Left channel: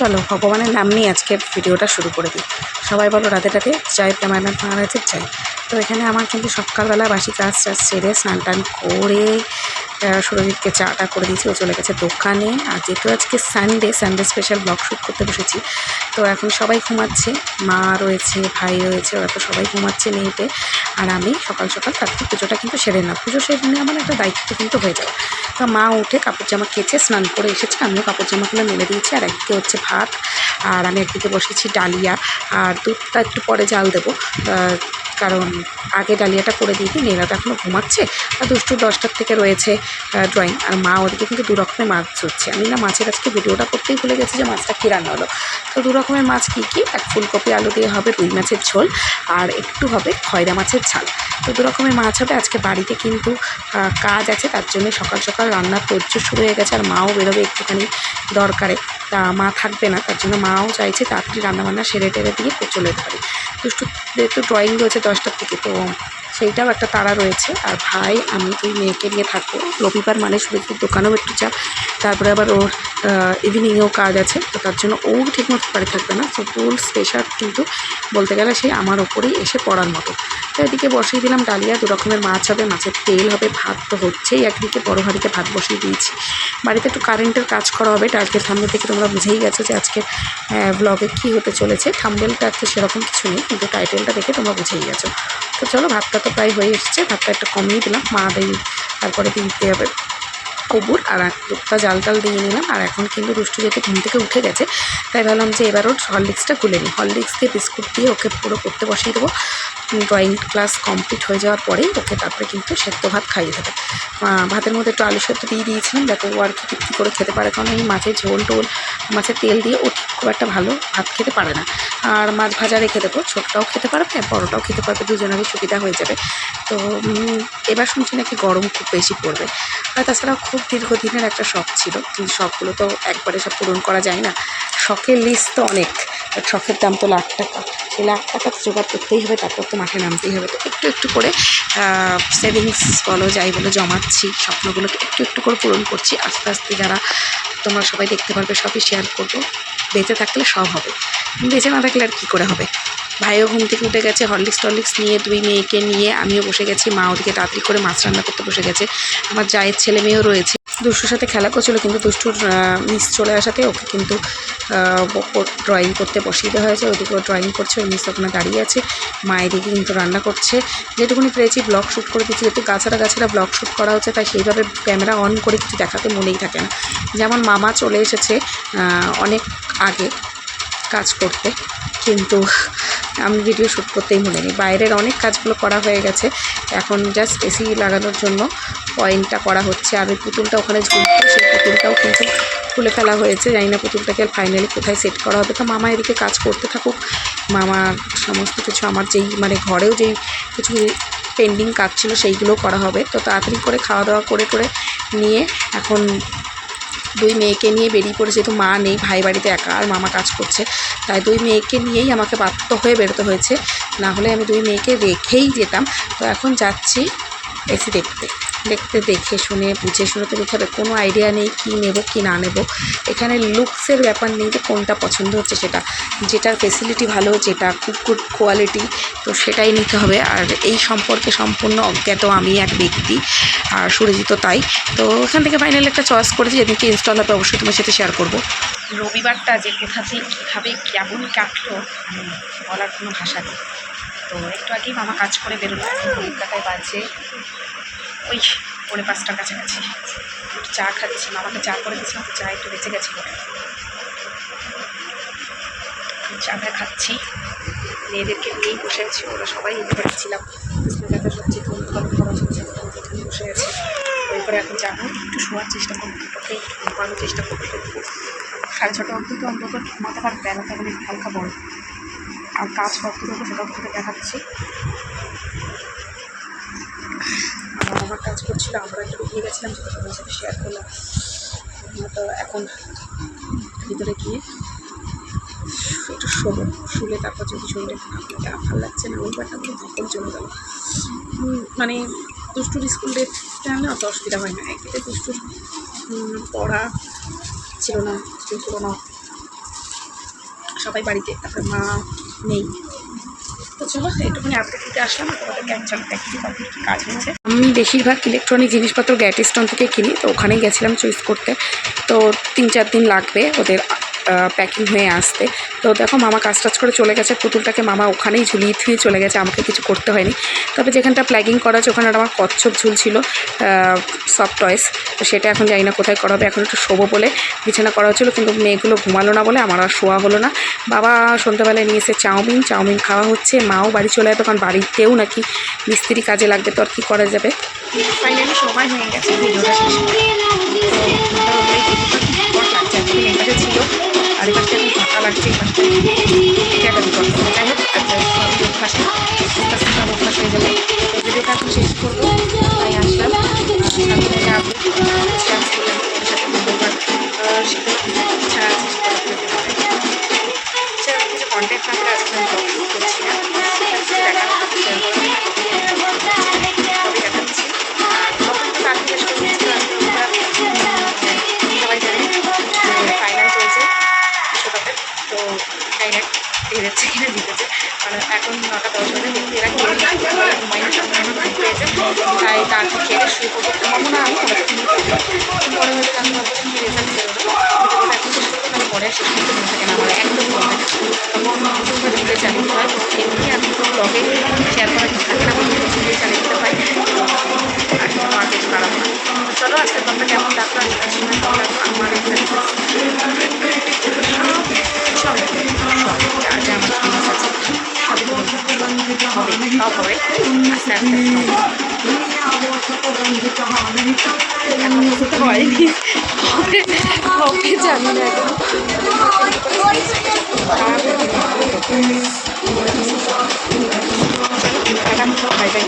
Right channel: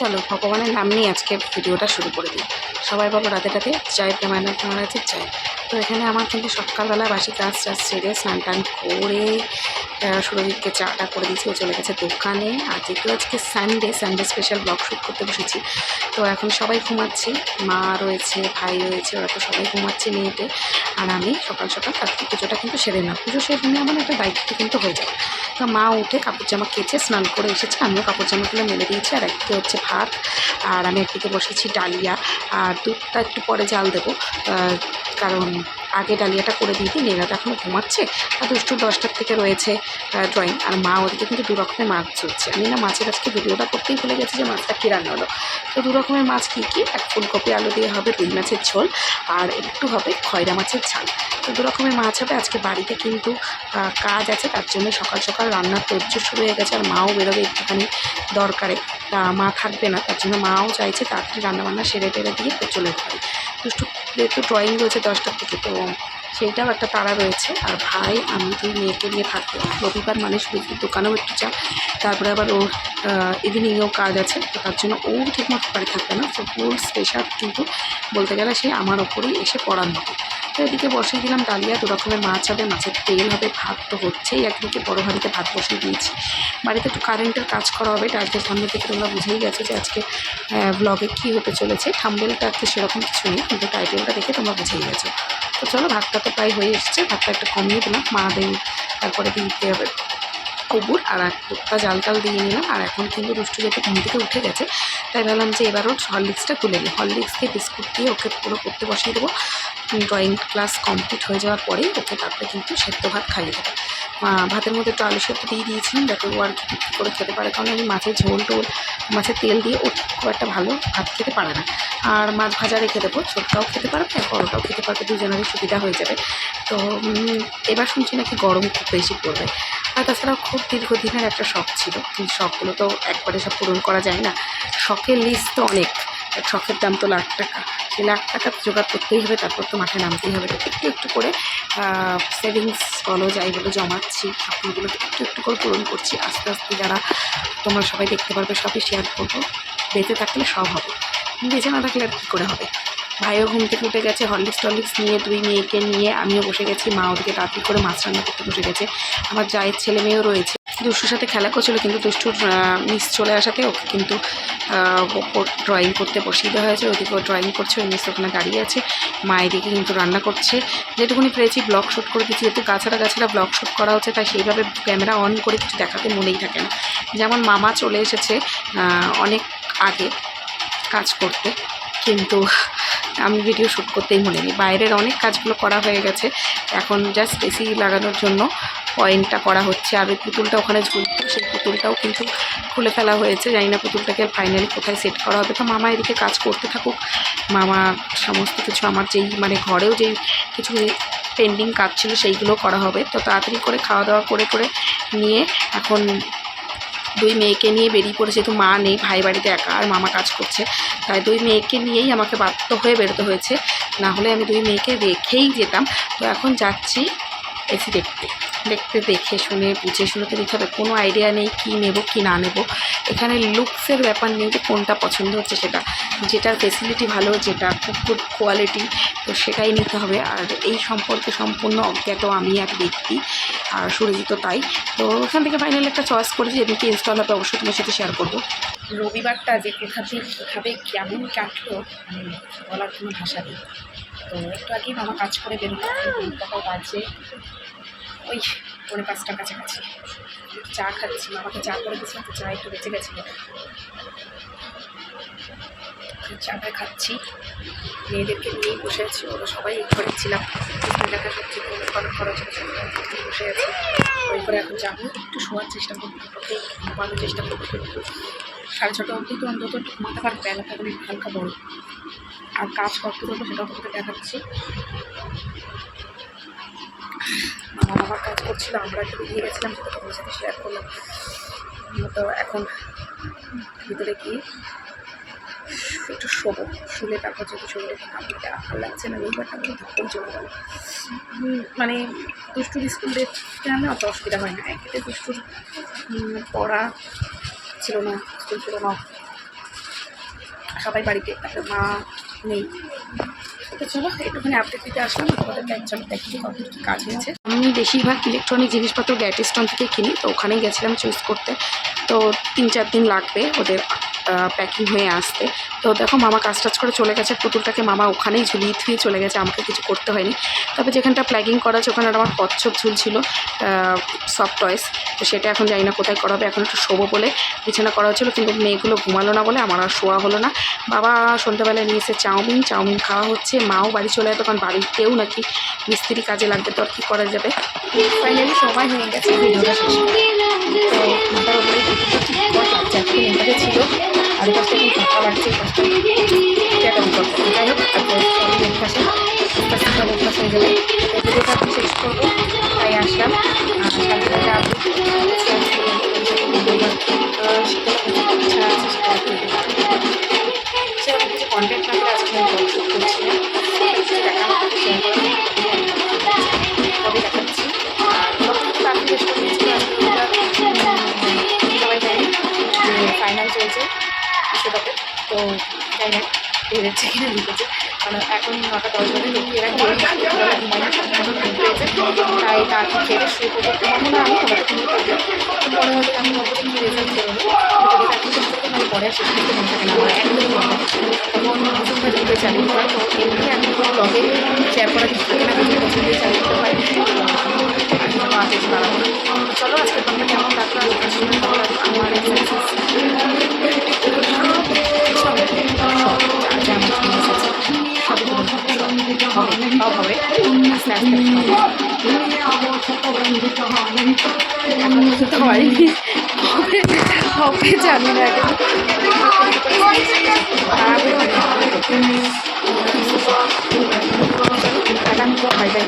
চলো ভগবানের নাম নিয়ে আজকের ভিডিওটা শুরু করে দিই। সবাই বলো রাতে রাতে জয় প্রেমানন্দ মহারাজের জয়। তো এখানে আমার কিন্তু সকালবেলা বাসি কাজ সেরে স্নান টান করে সুরজিৎকে চাটা করে দিয়েছি, ও চলে গেছে দোকানে। আর যেহেতু আজকে সানডে স্পেশাল ব্লগ শ্যুট করতে বসেছি, তো এখন সবাই ঘুমাচ্ছে, মা রয়েছে, ভাই রয়েছে, ওরা তো সবাই ঘুমাচ্ছে নিয়েতে। আর আমি সকাল সকাল তারপর পুজোটা কিন্তু সেরে না, পুজো সেরে নিয়ে আমার একটা দায়িত্ব কিন্তু হয়ে যাবে। তো মা উঠে কাপড় জামা কেচে স্নান করে এসেছে, আমিও কাপড় জামাগুলো মেলে দিয়েছি। আর একদিকে হচ্ছে ভাত, আর আমি একদিকে বসেছি ডালিয়া। আর দুধটা একটু পরে জাল দেবো, কারণ আগে ডালিয়াটা করে দিয়ে দিই। মেয়েরা তো এখনও ঘুমাচ্ছে, আর দুষ্টু 10টার থেকে রয়েছে ড্রয়িং। আর মা ওদিকে কিন্তু দু রকমের মাছ ধরছে। আমি না মাছের আজকে ভিডিওটা করতেই ভুলে গেছি যে মাছটা কী রান্না হলো। তো দু রকমের মাছ কী কী, এক ফুলকপি আলু দিয়ে হবে রুই মাছের ঝোল, আর একটু হবে খয়রা মাছের ঝাল। তো দু রকমের মাছ হবে। আজকে বাড়িতে কিন্তু কাজ আছে, তার জন্য সকাল সকাল রান্নার তোড়জোড় শুরু হয়ে গেছে। আর মাও বেরোবে একটুখানি দরকারে, তা মা থাকবে না, তার জন্য মাও চাইছে তাড়াতাড়ি রান্নাবান্না সেরে টেরে দিয়ে চলে যেতে পারি। দুষ্টুদের তো ড্রয়িং রয়েছে 10টার থেকে, তো সেইটাও একটা তাড়া রয়েছে। আর ভাই আমি দুই মেয়েকে নিয়ে থাকবো। রবিবার মানে সুরজির দোকানেও একটু চা, তারপরে আবার ওর ইভিনিংয়েও কাজ আছে, তো তার জন্য ও ঠিকমতো বাড়ি থাকবে না। তো ফুল স্পেশাল কিন্তু বলতে গেলে সে আমার ওপরেই এসে পড়ার মতো। তো এদিকে বসিয়ে দিলাম ডালিয়া, দু রকমের মাছ হবে, মাছের তেল হবে, ভাত তো হচ্ছেই। একদিকে বড় হাঁড়িতে ভাত বসিয়ে দিয়েছি। বাড়িতে একটু কারেন্টের কাজ করা হবে। টাইটেল থাম্বনেল থেকে তোমরা বুঝেই গেছো যে আজকে ব্লগে কী হতে চলেছে। থাম্বনেলটা আজকে সেরকম কিছু নেই, কিন্তু টাইটেলটা দেখে তোমরা বুঝেই গেছো। তো চলো, ভাতটা তো প্রায় হয়ে এসেছে, ভাতটা একটু কমিয়ে দিলাম, মা দেই তারপরে দিতে হবে কবুর। আর দুধটা জাল টাল দিয়ে নিলাম। আর এখন কিন্তু দুষ্টু যেহেতু ঘুম থেকে উঠে গেছে, তাই ভাবলাম যে এবার ওর হরলিক্সটা খুলে নিই। হরলিক্স দিয়ে বিস্কুট দিয়ে ওকে পুরো পড়তে বসিয়ে দেবো। ড্রয়িং ক্লাস কমপ্লিট হয়ে যাওয়ার পরেই ওকে তারপরে কিন্তু সেদ্ধ ভাত খাইয়ে দেবে। ভাতের মধ্যে একটু আলু সেদ্ধ দিয়ে দিয়েছিলাম, যাতে ও আর কি তৃপ্তি করে খেতে পারে, কারণ আমি মাছের ঝোল টোল মাছের তেল দিয়ে ও খুব একটা ভালো ভাত খেতে পারে না। আর মাছ ভাজা রেখে দেবো, ছোটটাও খেতে পারবে, বড়োটাও খেতে পারবে, দুজনেরই সুবিধা হয়ে যাবে। তো এবার শুনছি নাকি গরম খুব বেশি পড়বে। আর তাছাড়াও খুব দীর্ঘদিনের একটা শখ ছিল, কিন্তু শখগুলো তো একবারে সব পূরণ করা যায় না। শখের লিস্ট তো অনেক, শখের দাম তো লাখ টাকা। সেই লাখ টাকা তো জোগাড় করতেই হবে, তারপর তো মাঠে নামতেই হবে। তো একটু একটু করে সেভিংস বলো যাই বলো জমাচ্ছি, স্বপ্নগুলোকে একটু একটু করে পূরণ করছি। আস্তে আস্তে যারা তোমরা সবাই দেখতে পারবে, সবই শেয়ার করবো। বেঁচে থাকলে সব হবে, বেঁচে না থাকলে আর কী করে হবে। ভাইও ঘুম থেকে উঠে গেছে, হরলিক্স নিয়ে দুই মেয়েকে নিয়ে আমিও বসে গেছি। মা ওদিকে তাড়াতাড়ি করে মাছ রান্না করতে বসে গেছে। আমার জায়ের ছেলে মেয়েও রয়েছে, দুষ্টুর সাথে খেলা করছিল, কিন্তু দুষ্টুর মিস চলে আসাতে ওকে কিন্তু ড্রয়িং করতে বসিয়ে দেওয়া হয়েছে। ওদিকে ও ড্রয়িং করছে, ওই মিস ওখানে দাঁড়িয়ে আছে। মা এদিকে কিন্তু রান্না করছে। যেটুকুনি পেরেছি ব্লগ শ্যুট করে দিচ্ছি, যেহেতু গাছারা ব্লগ শ্যুট করা হচ্ছে, তাই সেইভাবে ক্যামেরা অন করে কিছু দেখাতে মনেই থাকে না। যেমন মামা চলে এসেছে অনেক আগে কাজ করতে, কিন্তু আমি ভিডিও শ্যুট করতেই মনে নেই। বাইরের অনেক কাজগুলো করা হয়ে গেছে, এখন জাস্ট এসি লাগানোর জন্য পয়েন্টটা করা হচ্ছে। আর ওই পুতুলটা ওখানে ঝুলছে, সেই পুতুলটাও কিন্তু খুলে ফেলা হয়েছে। জানি না পুতুলটাকে আর ফাইনালি কোথায় সেট করা হবে। তো মামা এদিকে কাজ করতে থাকুক। মামা সমস্ত কিছু আমার যেই মানে ঘরেও যেই কিছু পেন্ডিং কাজ ছিল সেইগুলো করা হবে। তো তাড়াতাড়ি করে খাওয়া দাওয়া করে নিয়ে এখন দুই মেয়েকে নিয়ে বেরিয়ে পড়েছে। যেহেতু মা নেই, ভাই বাড়িতে একা, আর মামা কাজ করছে, তাই দুই মেয়েকে নিয়েই আমাকে বাধ্য হয়ে বেরোতে হয়েছে, না হলে আমি দুই মেয়েকে রেখেই যেতাম। তো এখন যাচ্ছি এসি দেখে শুনে বুঝে শুনে তো নিতে হবে। কোনো আইডিয়া নেই কী নেব কি না নেব। এখানে লুকসের ব্যাপার নেই যে কোনটা পছন্দ হচ্ছে, যেটার ফেসিলিটি ভালো, যেটা খুব গুড কোয়ালিটি, তো সেটাই নিতে হবে। আর এই সম্পর্কে সম্পূর্ণ অজ্ঞাত আমি এক ব্যক্তি, আর সুরজিত তাই। তো এখান থেকে ফাইনালি একটা চয়েস করেছি, যেদিনকে ইনস্টল হবে অবশ্যই তোমার সাথে শেয়ার করবো। রবিবারটা যে কোথাতে কীভাবে কেমন কাটলো বলার কোনো ভাষা নেই। তো একটু আগেই মামা কাজ করে বেরোলো, কলকাতায় বাজে ওই 4:45 কাছাকাছি। একটু চা খাচ্ছি, মামাকে চা করে দিয়েছিলাম, তো চা একটু বেঁচে গেছিলো, চাটা খাচ্ছি। মেয়েদেরকে নিয়েই বসে আছি, ওরা সবাই এই ঘরে ছিলাম, দেখা সবজি খরচ হচ্ছে, বসে আছি। ওই করে এখন যাবো, একটু শোয়ার চেষ্টা করবো, ওকে একটু ঘুমানোর চেষ্টা করবো। 6:30 অবধি তো অন্তত ঘুমাতে পারবে, বেলাটা মানে হালকা বড়। আর কাজ করতে করবো সেটাও তোমাকে দেখাচ্ছি। আমার কাজ করছিল, আমরা একটু বেরিয়ে গেছিলাম, সেটা তোমার সাথে শেয়ার করলাম। তো এখন ভিতরে গিয়ে একটু শোবো, শুলে তারপর যদি শরীরে ভালো লাগছে না, রবিবারটা কিন্তু ধকল চলে গেল। মানে দুষ্টুর স্কুল ডেটটা না অত অসুবিধা হয় না, একদিকে দুষ্টুর পড়া ছিল না, স্কুল ছিল না, সবাই বাড়িতে, তারপরে মা নেই। তো চলো একটুখানি আপডেট দিতে আসলাম, তোমাদেরকে অ্যাকচুয়ালি দেখি কমপ্লিট কী কাজ হয়েছে। আমি বেশিরভাগ ইলেকট্রনিক জিনিসপত্র গ্যাট স্টোন থেকে কিনি, তো ওখানেই গেছিলাম চয়েস করতে। তো 3-4 দিন লাগবে ওদের প্যাকিং হয়ে আসতে। তো দেখো মামা কাজ টাজ করে চলে গেছে, পুতুলটাকে মামা ওখানেই ঝুলিয়ে থুয়ে চলে গেছে, আমাকে কিছু করতে হয়নি। তবে যেখানটা প্ল্যাগিং করা আছে ওখানে আমার কচ্ছপ ঝুলছিল সফট টয়েস, তো সেটা এখন জানি না কোথায় করা হবে। এখন একটু শোবো বলে বিছানা করা হচ্ছিলো, কিন্তু মেয়েগুলো ঘুমালো না বলে আমার আর শোয়া হলো না। বাবা সন্ধ্যাবেলায় নিয়ে এসে চাউমিন খাওয়া হচ্ছে। মাও বাড়ি চলে যাবে, কারণ বাড়িতেও নাকি মিস্ত্রি কাজে লাগবে, তো আর কী করা যাবে। ফাইনালি সময় হয়ে গেছে ভিডিওটা শেষ করে। তো মাথার ওপরে বিপদ লাগছে, একদিন এই পাশে ছিল আর এই পাশটা এখন ফাঁকা লাগছে, এই পাশটায় একটা বিপদ। যাই হোক সবই অভ্যাসে আস্তে আস্তে সব অভ্যাস হয়ে যাবে। তো ভিডিওটা এখন শেষ করবো, তাই আসলাম। সাথে সাথে আপনি ইচ্ছা আছে সেরকম কিছু কন্টেন্ট না করে আজকে আমি ব্লগ শুট করছি না, দেখা শেয়ার করা সবই দেখাচ্ছি। আর ব্লগটা তো তার জিজ্ঞেস করে দিচ্ছিল সবাই জানি যে ফাইনাল চলছে বিশ্বকাপের, তো যাই না বেরোচ্ছে কিনা জিতেছে, কারণ এখন 9টা 10 বাজে। দেখি এরা খেয়ে সকালবেলা ঘুমাইনি, সকাল ঘুম পেয়েছে, তাই তাকে খেয়ে শুরু করবো। ঘুমাবো না আমি, ওরা তো ঘুমিয়ে পড়বো। পরে হয়তো আমি ভাববো কী রেজাল্ট বেরোলো, ভিডিওটা এখন শেষ করবো, তাহলে পরে শেষ করতে মনে থাকে না আমার, একদম মনে থাকে তখন প্রথম ভাবে ভিডিও চালিয়ে দিতে হয়। তো এমনি আমি কোনো ব্লগে শেয়ার করা কিছু থাকে না, প্রথম ভিডিও চালিয়ে দিতে হয়, আর জন্য আর কিছু বাড়াবো না। তো চলো আজকের ব্লগটা কেমন লাগলো, আজকের সময় কেমন লাগলো আমার এই যা যা আমার জিনিস আছে সবই হবে, সব হবে আস্তে আস্তে এখন তো হয়নি, হবে জানি না এখন খারাপ হয়ে বাই বাই।